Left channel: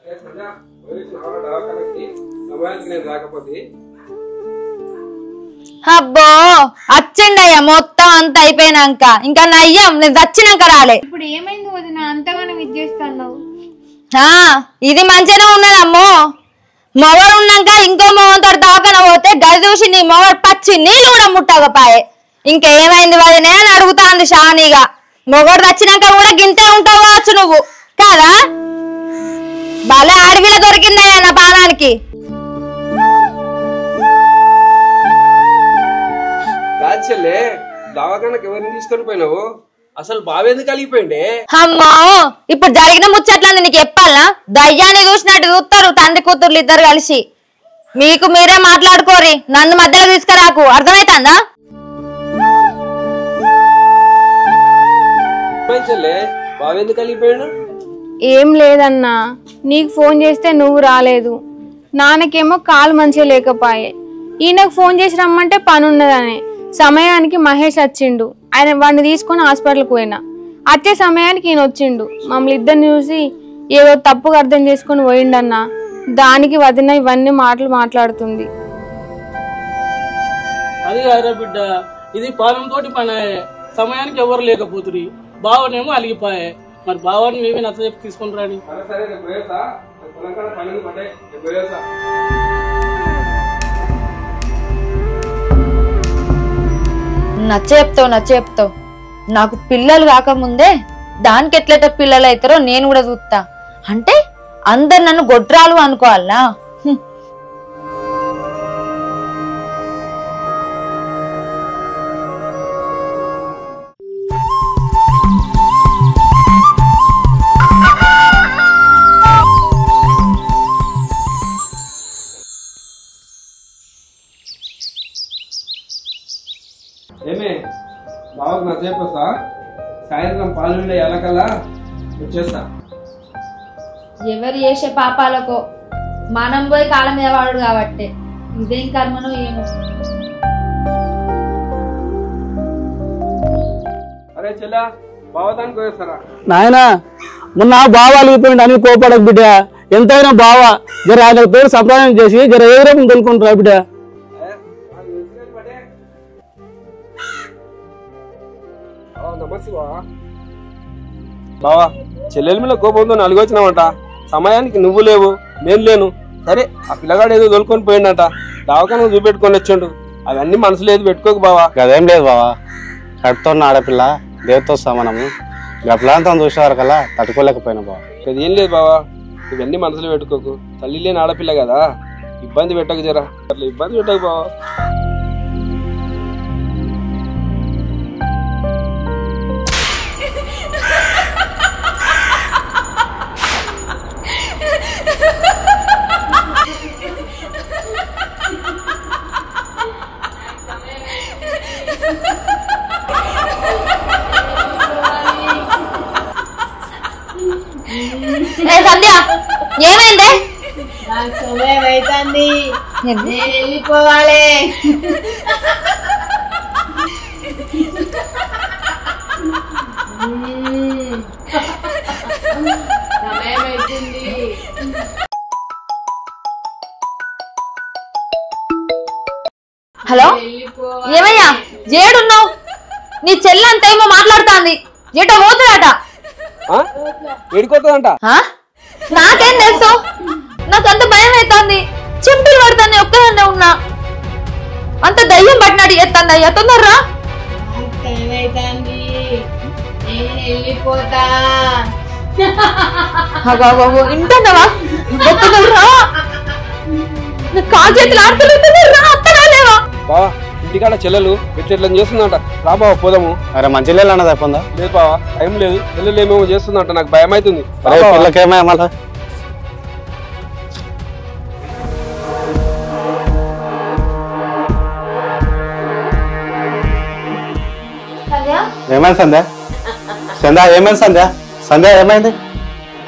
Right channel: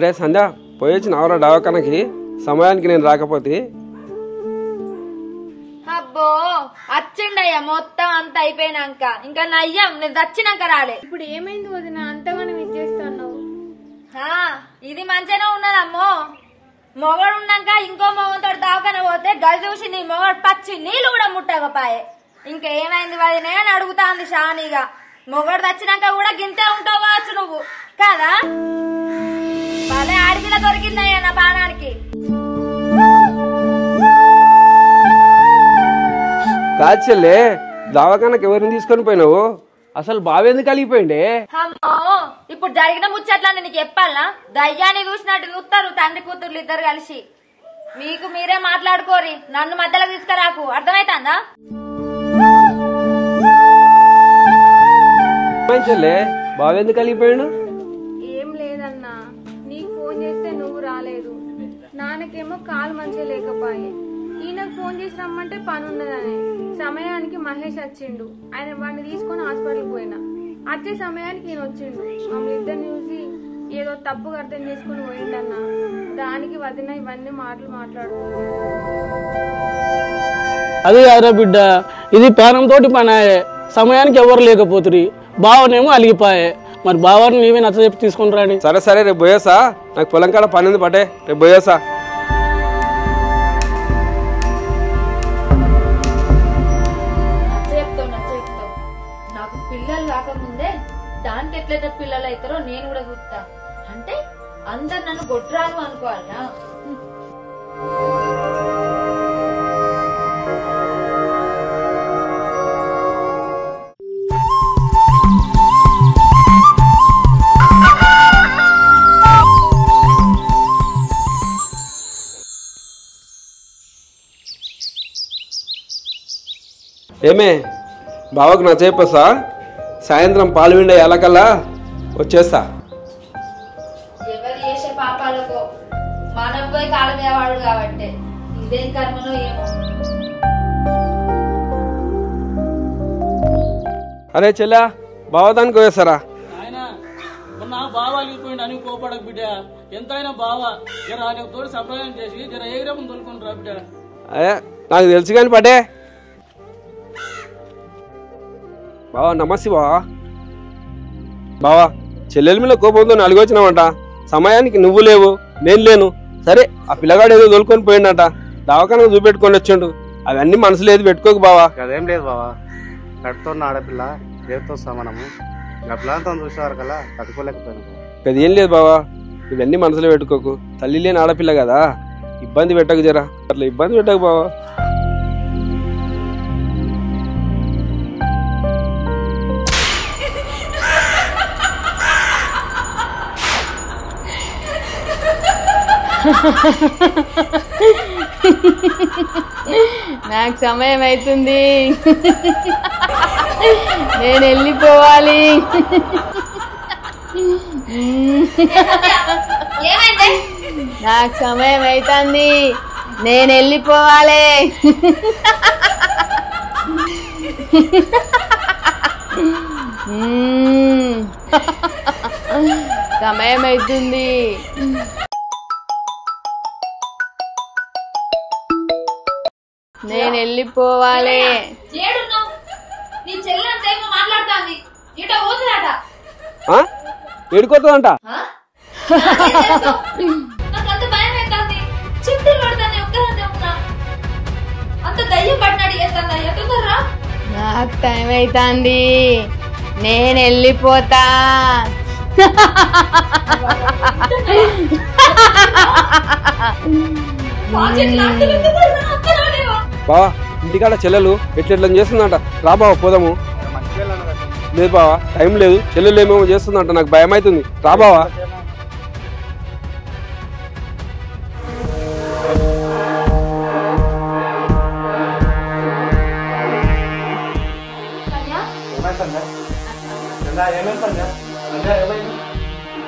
అరే సంధ్య పోయొచ్చి నావరా డావకానకి సమయానికి నేను రాకపోతే అబ్బో వచ్చిండయ్యా మొత్తం అంత అయిపోయినాక ఇంకా నయ్యం నేను చచ్చినాక రాలే. ఇప్పుడు ఏమైంది వదిన అంతగానో ఇచ్చేస్తున్నావు? ఇది మంచిగానే ఉన్నదమ్మో. మొగడు ఉన్నాక ఇంకో మొగంతో దావకన పోతే గది చూసి నీ మొగడు పచ్చి నీళ్ళు కూడా ముట్టకపోయే. ఇంకేమైంది వదినే అని అడుగుతాంది షానీగా. మొగడు వచ్చినాక కూడా గింతే ఉంటావు కావచ్చు నువ్వు కదా. భలే అడవిలో దొరికిందయ్యా నా పానానికి. కాచెల్లే దావకానకి ఎవరిని తీసుకొని పోయినావు? అసలు బావెందుకు కలిగిపోయిండే? అమ్మో ఇప్పుడు జరిగిన ముచ్చట్లని నీకు చెప్పాలా? దయ్యాన్ని చూసినట్టు చూస్తారు తండ్రి కూతుర్లు ఇద్దరు కలిసి. మీకు మీరే మాట్లాడుకోరి, నన్ను మధ్యలో తీసుకురాకు. అర్థమైతుందా? చెల్లే బావెందుకు కలిగిపోయాడు? ఏం లేదన్నా, నీకు ఫోన్ చేస్తే నువ్వు రాలేదు. నాన్నకేమో కాలు మంచిగా లేకపోయే. ఈయనకు ఫోన్ చేసి రమ్మంటే పని ఉన్నదని సమయానికి మహేష్ వచ్చిండు. ఆయన వాడిని తీసుకొని హాస్పిటల్కి పోయినా. వచ్చే సమయానికి ఈయన వచ్చిండు. మమ్మల్ని ఇద్దరిని చూసి ఏదో తప్పుగా అర్థం చేసుకుని పోయిండన్నా. దానికి వదిన ఇవన్నీ మాటలు మాట్లాడుతుంది. అది కాదురా బిడ్డ, ఇది పానంతో పని. సమయానికి ఎవరు లేకపోతురి. బావనేమో అలిగిపోయే. మరి బావని మేమే నచ్చ చెప్పి తీసుకుని రాని. సరే సరే రేపు పోయేసా, నాకు పొలం కాడ పని ఉంది పట్టే, రేపు పోయేసా. నచ్చ చెప్తావు. నాకు పిల్లలు కాకముందే దానికి ఎట్లయితే పిల్లలు అవుతారో నేను కూడా చూస్తా. అంటే అందరు నన్ను గొడ్రాలు అనుకోవాలా? ఏమే బావకు నచ్చైపోసా, సాయంత్రం పాలు విండే ఎలకల్లా వచ్చేస్తా. ఎవరు చేసే పాపాలకో మనం పోయి కాలం మీద వాడు కాబట్టి ఇదేం కర్మనో ఏమో. అరే చెల్లా బావదానికి పోయేస్తారా? నాయనా మొన్న బావ అలిగిపోయింది అని కోపడకు బిడ్డ. ఎంతైనా బావ జర ఆయన పేరు సంప్రదాయం చేసి జర ఏ రకం తెలుసుకుంటారా బిడ్డ? అదే నాకు తెలుసు కానీ పటే. బావా నమస్తే బావా. బావా చెల్లెల మీద కోపంతో నలుగు వచ్చినామంట. సమయానికి నువ్వు లేవు, నేను లేను. సరే ఆ పిల్లగాడు ఏదో తోలుకొని పోయిండట, దావకాన చూపెట్టుకొని వచ్చిండు. అవన్నీ మనసులో ఏది పెట్టుకోకు బావా. అదేం లేదు బావా, కడుతున్న ఆడపిల్ల దేవతో సమానము. గప్లాంతం చూసేవారు కల్లా తట్టుకోలేకపోయినా బావా. అదేం లేదు బావా, ఇవన్నీ మనసులో పెట్టుకోకు. తల్లి లేని ఆడపిల్ల కదా, ఇబ్బంది పెట్టకు జరా. అట్లా ఇబ్బంది పెట్టకు బావా. నాకు సమయం అవుతుంది, నేను వెళ్ళిపోవాలి. సంధ్య ఏమైందే? నాకు సమయం అవుతుంది, నేను వెళ్ళిపోవాలి. సమయం అవుతుంది. హలో ఏమయ్యా ఏడున్నావు? నీ చెల్లంత ఏమో మాట్లాడుతాంది. ఏటో పోతున్నాడట. ఏడుకోతుందంట. నాకేం తెలుసు? నాకు అంత భయం అవుతుంది. చింతలు పడుతుంది, ఒక్కదాన్నే ఉన్నా. అంత దయ్యం పట్టినట్టు చేస్తుంది. అయ్యా తొందరరా. నాకు టైం అవుతుంది, నేను వెళ్ళిపోతా. ఇంటున్నావా? కాలు చేతులు ఆడుతుంది. అత్తరాలేవా? బావా ఇంటికాడ చెల్లెలు ఎట్లా చేస్తుందంట. రా బావా పోదాము. అరే మంచి లేదు అన్నది అయిపోయిందా? లేదు బావా టైం లేదు. చెల్లెలు ఏమేమో చేస్తుందంట, నాకు భయం అవుతుంది. రా బావా. పిల్లకేమే మళ్ళా? ఏమైంది సంధ్య? సంధ్య ఏమైంది సంధ్య? సంధ్య ఏమైంది?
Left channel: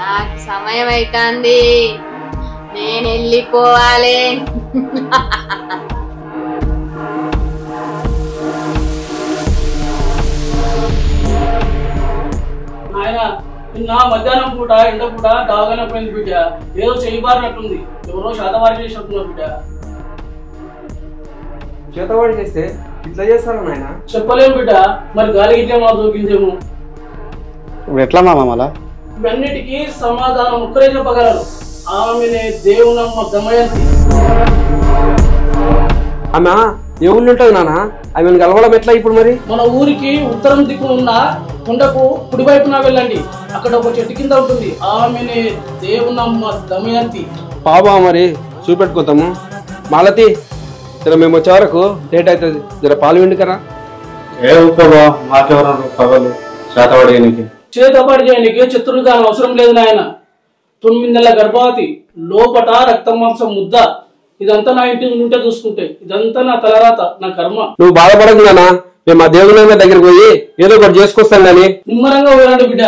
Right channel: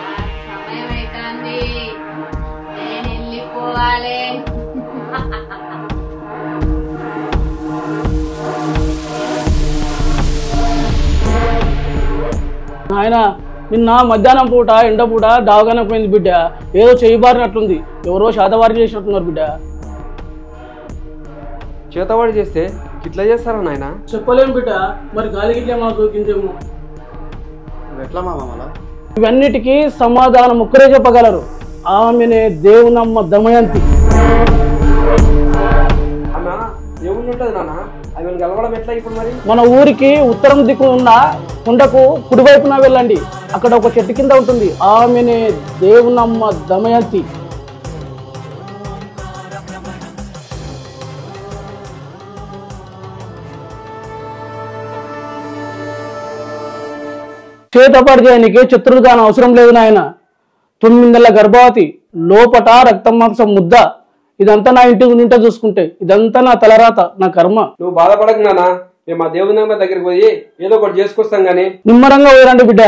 నాకు సమయం అవుతుంది, నేను వెళ్ళిపోవాలి. ఆయన నిన్న మధ్యాహ్నం పూట ఎండ పూట దావగానే పోయింది బిడ్డ. ఏదో చెయ్యి బారినట్లుంది, ఎవరో శాతవారి చేసినట్టున్నారు బిడ్డ. చేతవాడి చేస్తే ఇట్లా చేస్తారా నాయన? చెప్పలేము బిడ్డ, మరి గాలి గిట్లేమో దొరికిందేమో. ఇప్పుడు ఎట్లా మామ మళ్ళా? ఇవన్నిటికీ సమాధానం ఒక్కరే చెప్పగలరు. ఆమెనే దేవునమ్మ దమయంతి. ఆమె ఏ ఊళ్ళో ఉంటుంది నాన్న? ఆమెను కలవడం ఎట్లా ఇప్పుడు మరి? మన ఊరికి ఉత్తరం దిక్కు ఉన్న కుండకు కుడివైపున వెళ్ళండి, అక్కడ ఒక చెట్టు కింద ఉంటుంది. ఆమెనే దేవునమ్మ దమయంతి. పాపా మరి చూపెట్టుకుంటాము. మాలతి జర మేము వచ్చే వరకు లేట్ అవుతుంది, జర పాలు విండుకరా. ఏ ఊరుకోబా, మాకెవరు పగలు శాతవాడికి. చేతపాటు చేయడానికి చిత్రుడుగాను అవసరం లేదు నాయన. 9 నెలల గర్భవతి, లోపట రక్తం మాంసం ముద్ద. ఇదంతా నా ఇంటి నుండి చూసుకుంటే ఇదంతా నా తలరాత, నా కర్మ. నువ్వు బాధపడకు నాన్న, మేము మా దేవుని దగ్గరికి పోయి ఏదో ఒకటి చేసుకొస్తాం కానీ. నిమ్మరంగా పోయిరండి బిడ్డ.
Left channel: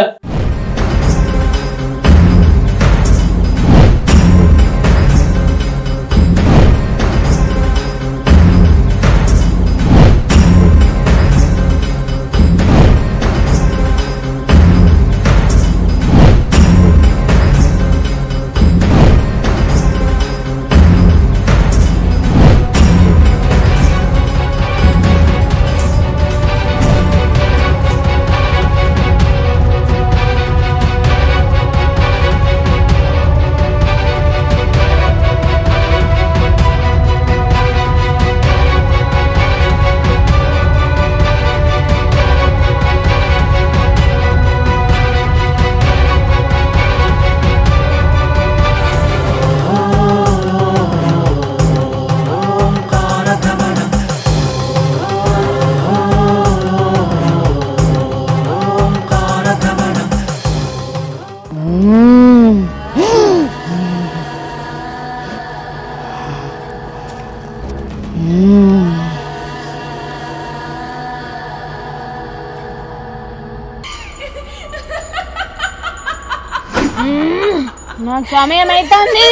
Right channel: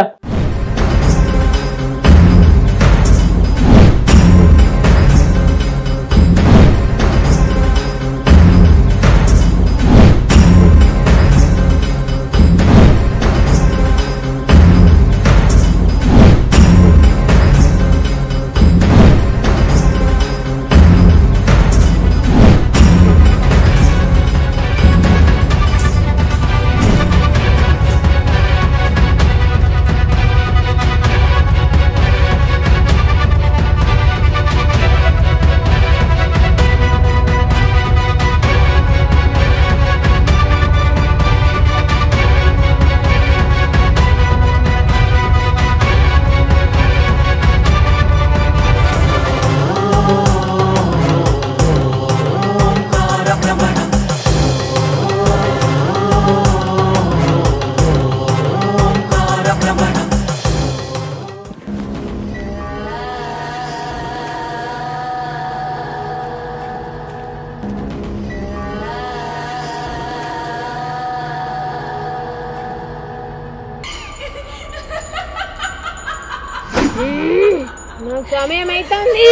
నాకు సమయం అవుతుంది,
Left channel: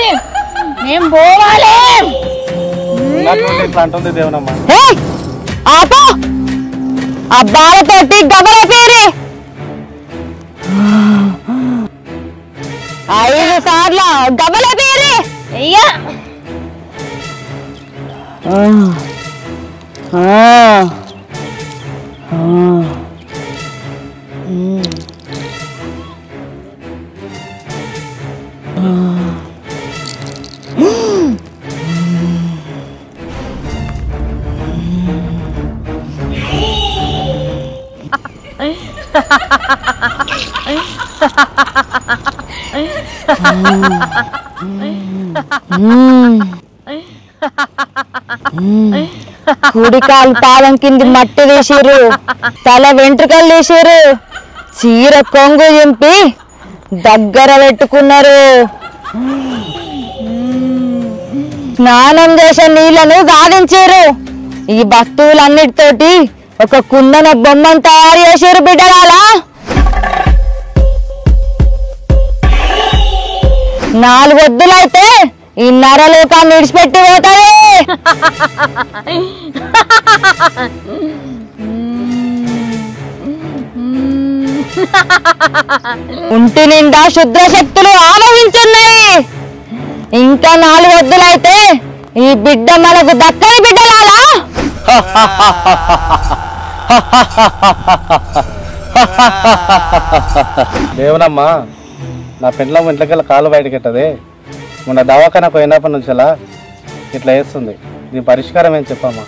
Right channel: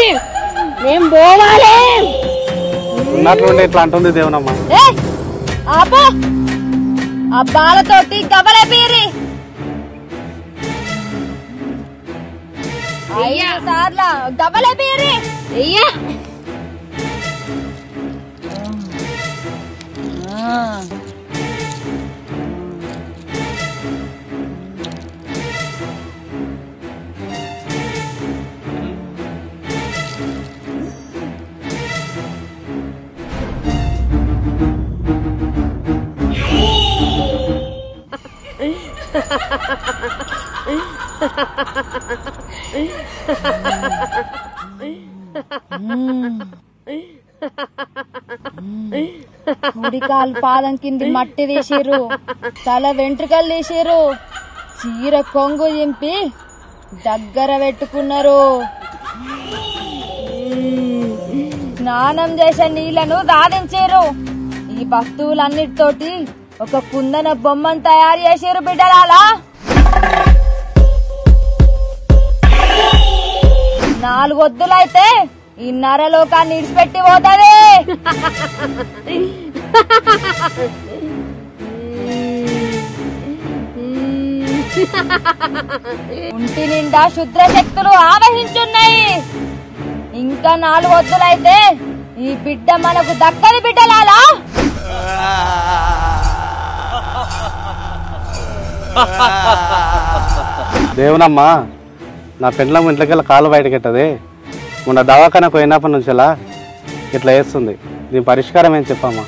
నేను పోవాలి. ఇట్లా అంటుంది దేవునమ్మ. ఆపో, అబ్బాలతోటి గబల పేరి 5 సార్లు గబల పేరి అయ్యా. కుడికాలు పాదం కింది మట్టి తీసిరు, తల వెంట్రుకలు తీసిరు, చీర కొంగు చింపి దగ్గర పెట్టుకున్నారు. స్నానం చేసే నీళ్లను సాధించారు. ఈ భక్తులన్నిటితోటి ఒక కుందన బొమ్మను తయారు చేసారు బిడ్డగాల. 4 వద్దులైతే ఈ నరలోకాన్ని విడిచిపెట్టి పోతాయి. ఒంటి నిండా శుద్ర శక్తులు ఆవహించున్నాయి. ఇంకా 4 వద్దులైతే ఈ బిడ్డ మనకు దక్కని బిడ్డలాలా. దేవునమ్మ, నా పెండ్లం ఇంట్లోకెళ్ళి కాలు బయటకి ఎట్టదే. మొన్న దవాఖాన పోయినప్పటి నుంచి ఇలా ఇట్లా వేస్తుంది. దీని పరిష్కారం ఏం చెప్పమ్మా?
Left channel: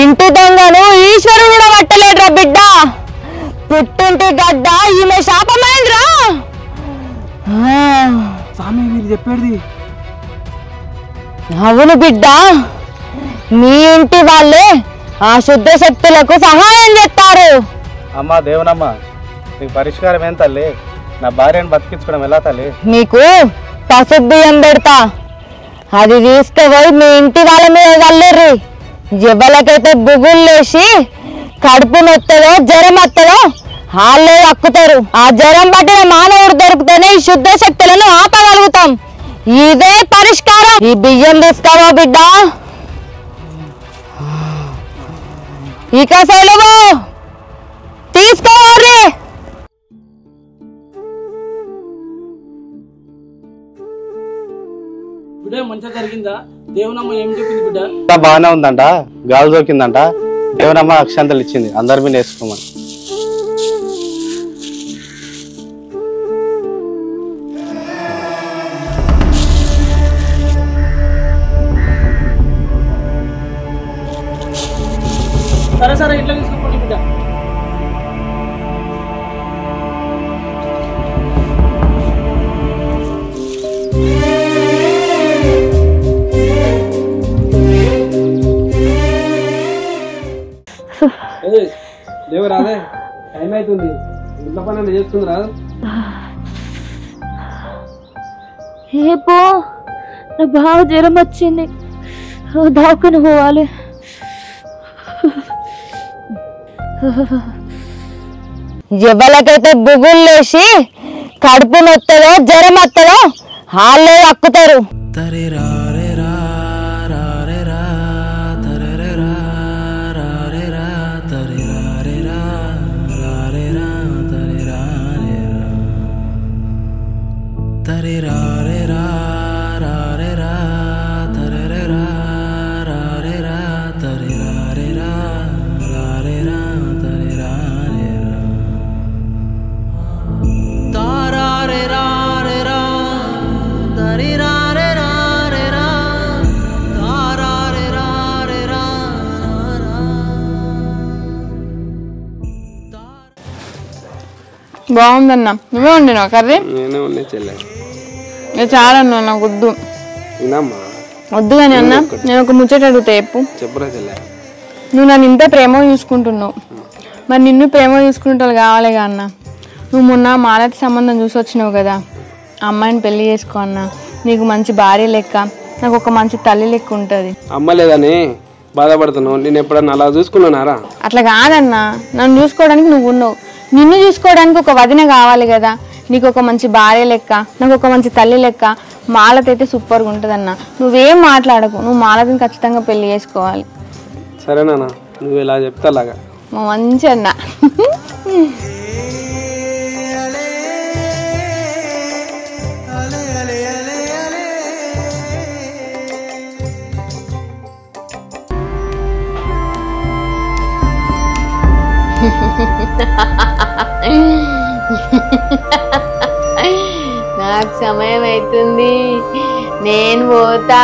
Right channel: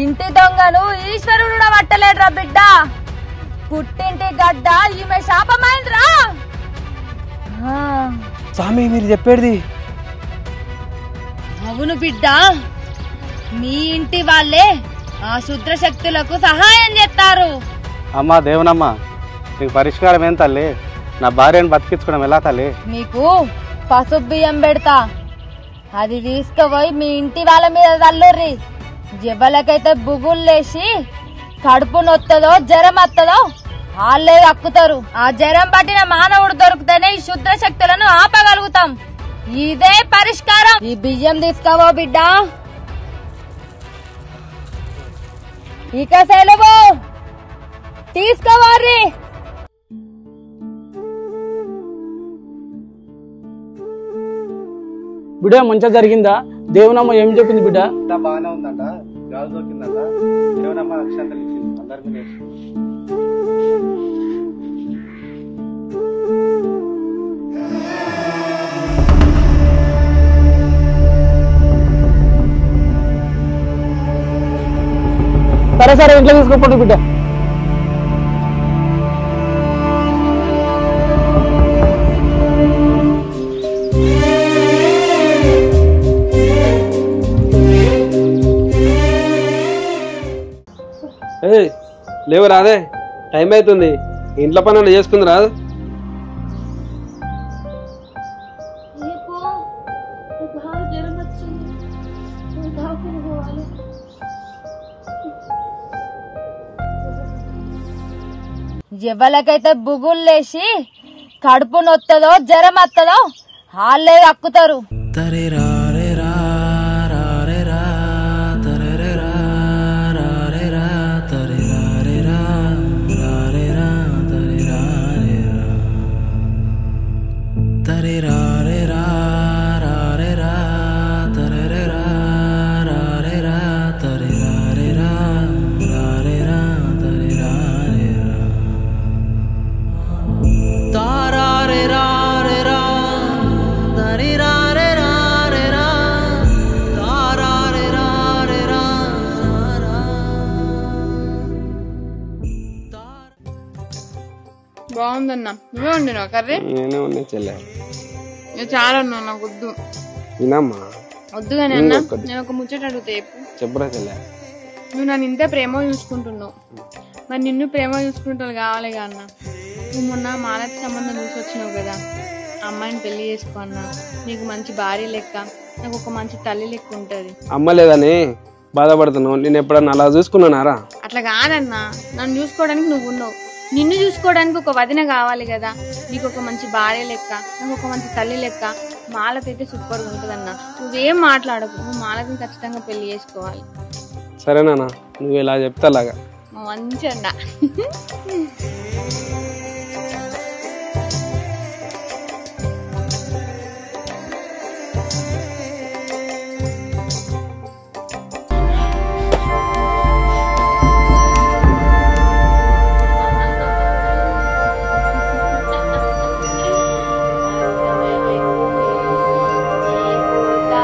ఇంటి దొంగను ఈశ్వరుడు పట్టలేడురా బిడ్డ. పుట్టింటి గడ్డ ఈమె శాపమైందిరా. స్వామి మీరు చెప్పేది అవును బిడ్డ, మీ ఇంటి వాళ్ళే ఆ శుద్ధ శక్తులకు సహాయం చేస్తారు. అమ్మా దేవునమ్మ, నీకు పరిష్కారం ఏం తల్లి? నా భార్యను బతికించుకోవడం ఎలా తల్లి? నీకు పసుపు బియ్యం పెడతా, అది తీసుకుపోయి మీ ఇంటి వాళ్ళ మీద చల్లిర్రి. ఎవరికైతే బుగులు లేచి కడుపు నొత్తదో జ్వరం వస్తుందో వాళ్ళే అక్కుతారు. ఆ జ్వరం పట్టిన మానవుడు దొరికితేనే ఈ శుద్ధ శక్తులను ఆపగలుగుతాం. ఇదే పరిష్కారం. ఈ బియ్యం తీసుకోవా బిడ్డ, ఇక సెలవు తీసుకోవాలి. బిడ్డ మంచిగా జరిగిందా? దేవునమ్మ ఏం చెప్పింది బిడ్డ? బాగానే ఉందంట, గాలి దొరికిందంట. దేవునమ్మ అక్షంతలు ఇచ్చింది, అందరి మీద వేసుకోమని. సరే సరే ఇంట్లో తీసుకోండి బిడ్డ. లేవు రాదే, టైం అవుతుంది. ఇంట్లో పనులు చేసుకుంది రాదు. ఏపో నాకు బాగా జ్వరం వచ్చింది, దాక్కుని పోవాలి. ఎవరికైతే బుగులు లేచి కడుపు నొత్తదో జ్వరం వస్తుందో వాళ్ళే అక్కుతారు. బాగుందన్నా. నువ్వే వండినావు కర్రీ? నేనే ఉన్నాయి చెల్లె. చాలా అన్నా, నాకు వద్దు. వద్దు కానీ అన్న, నేను ఒక ముచ్చట అడుగుతా చెప్పు. చెప్పురా చెల్లె. నువ్వు నన్ను ఇంత ప్రేమ చూసుకుంటున్నావు, మరి నిన్ను ప్రేమ చూసుకుంటావు కావాలిగా అన్న. నువ్వు మొన్న మాలతి సంబంధం చూసి వచ్చినావు కదా, అమ్మాయిని పెళ్లి చేసుకో అన్న. నీకు మంచి భార్య లెక్క, నాకు ఒక మంచి తల్లి లెక్క ఉంటుంది. అమ్మ లేదని బాధపడుతున్నావు, నేను ఎప్పుడన్నా అలా చూసుకున్నానారా? అట్లా కాదన్నా, నన్ను చూసుకోవడానికి నువ్వు ఉన్నావు, నిన్ను చూసుకోవడానికి ఒక వదిన కావాలి కదా. నీకు ఒక మంచి భార్య లెక్క, నాకు ఒక మంచి తల్లి లెక్క. మాలతి అయితే సూపర్గా ఉంటుందన్న. నువ్వేం మాట్లాడకు, నువ్వు మాలతిని ఖచ్చితంగా పెళ్లి చేసుకోవాలి. సరేనా, నువ్వు ఇలా చెప్తా లాగా. మంచి అన్న. నాకు సమయం అవుతుంది, నేను పోతా.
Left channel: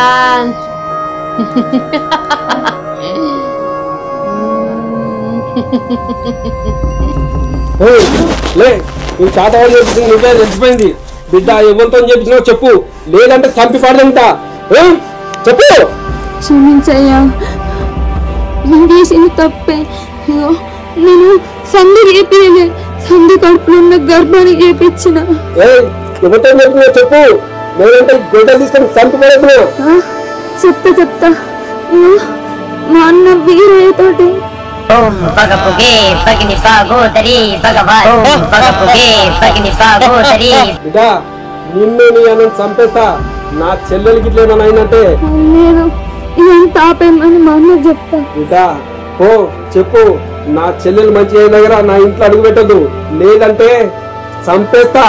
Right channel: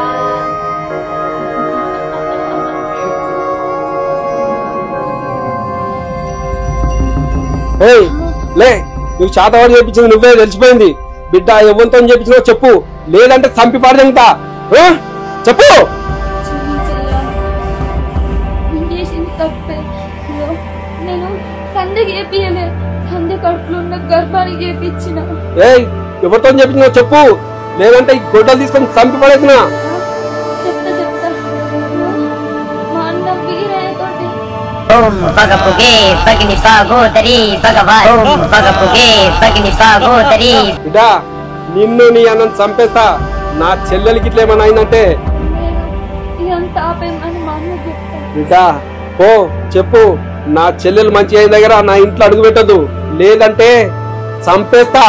లే, నువ్వు చాతవాడు చెప్పించింది నువ్వే తెలిసిపోయింది. బిడ్డ ఎవరితో చెప్పించినావు చెప్పు, లేదంటే చంపి పాడదంతా. చెప్పు. క్షమించయ్యా, నేను చేసింది తప్పే. నేను సంధి చేపిలే, సంధి కడుపులో ఉన్న గర్భాన్ని చేపించిన. ఎవరితో చెప్పినావు చెప్పు, లేదంటే గొడ్డలు తీసుకొని చంపి పడేసినా. చెప్తా మా అన్న వీరయ్యతోటి. ఓం పగపుగే పగిని పాగోదరి భగవాన్. ఓం పగపుగే పగిని పాగోదరి. బిడ్డ నిన్ను నీ అన్నను చంపేస్తా. నా చెల్లెలకి ఇట్లా ఏమన్నా అయిందంటే నేను ఇదంతా ఆపేయమని మా అన్న చెప్తా. బిడ్డ ఓ చెప్పు, నా చెల్లెలు మంచి అయిన దగ్గర నా ఇంట్లో అడుగు పెట్టదు, లేదంటే చంపేస్తా.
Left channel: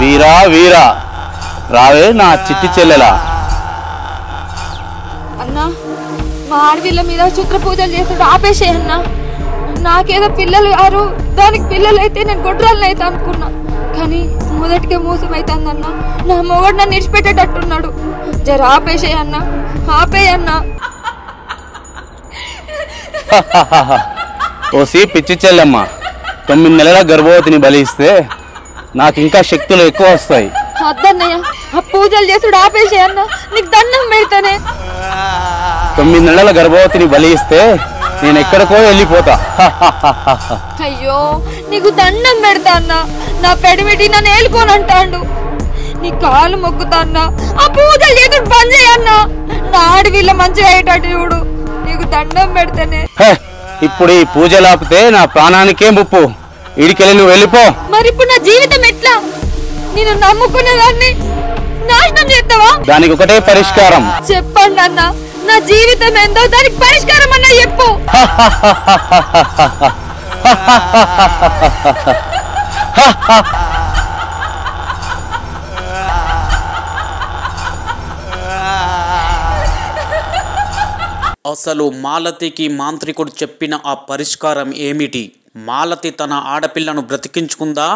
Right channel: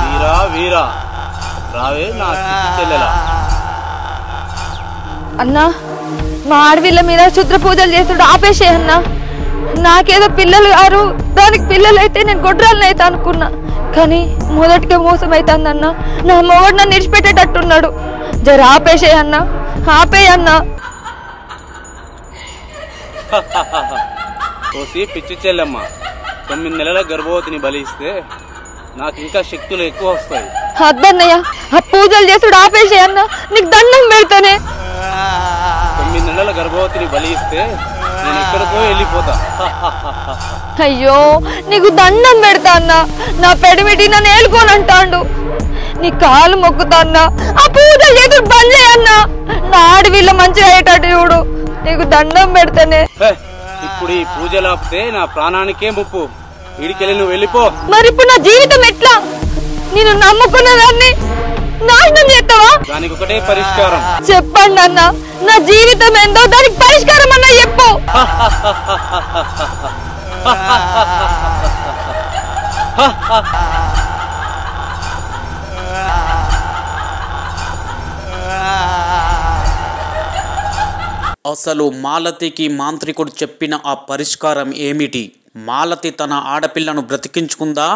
వీరా వీరా రావే నా చిట్టి చెల్లెలా. అన్నా, మా ఆడవిళ్ళ మీద క్షుద్ర పూజలు చేస్తాడు, ఆపేసే అన్నా. నాకేదో పిల్లలు గారు, దానికి పిల్లలు అయితే నేను గొడ్రాలను అయితే అనుకున్నా, కానీ మొదటికే మోసం అవుతుందన్నా. నా మొగడు నన్ను నిడిచిపెట్టేటట్టున్నాడు. జర ఆపేసే అన్నా, ఆపేయన్నా. ఓసి పిచ్చి చెల్లెమ్మ, 9 నెలల గర్భవతిని బలిస్తే నాకు ఇంకా శక్తులు ఎక్కువ వస్తాయి. అద్దన్నయ్య ఆ పూజలు చేసుడు ఆపేసే అన్న, నీకు దండం పెడతానే. 9 నెలల గర్భవతిని బలి ఇస్తే నేను ఎక్కడికో వెళ్ళిపోతా. అయ్యో నీకు దండం పెడతా అన్న, నా పెడిమిటి నన్ను ఏలుకోనంటాడు. నీ కాలు మొక్కుతా అన్న, ఆ పూజలు చేసుడు బంద్ చేయన్నా. నా ఆడవిల్ల మంచిగా అయ్యేటట్టు చూడు, నీకు దండం పెడతానే. ఇప్పుడు ఈ పూజలు ఆపితే నా ప్రాణానికే ముప్పు. ఇడికెళ్ళి నువ్వు వెళ్ళిపో. మరి ఇప్పుడు నా జీవితం ఎట్లా? నేను నమ్ముకున్న దాన్ని నాశనం చేస్తావా? దానికి ఒకటే పరిష్కారం. చెప్పండి అన్న, నా జీవితం ఏందో దానికి పరిష్కారం అన్న చెప్పు. అసలు మాలతికి మాంత్రికుడు చెప్పిన ఆ పరిష్కారం ఏమిటి? మాలతి తన ఆడపిల్లను బ్రతికించుకుందా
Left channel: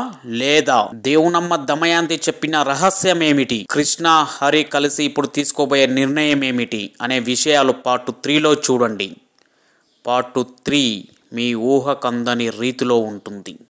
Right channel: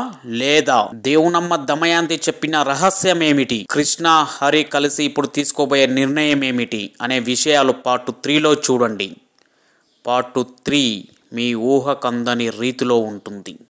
లేదా? దేవునమ్మ దమయంతి చెప్పిన రహస్యం ఏమిటి? కృష్ణ హరి కలిసి ఇప్పుడు తీసుకోబోయే నిర్ణయం ఏమిటి అనే విషయాలు పార్ట్ 3లో చూడండి. పార్ట్ 3 మీ ఊహకందని రీతిలో ఉంటుంది.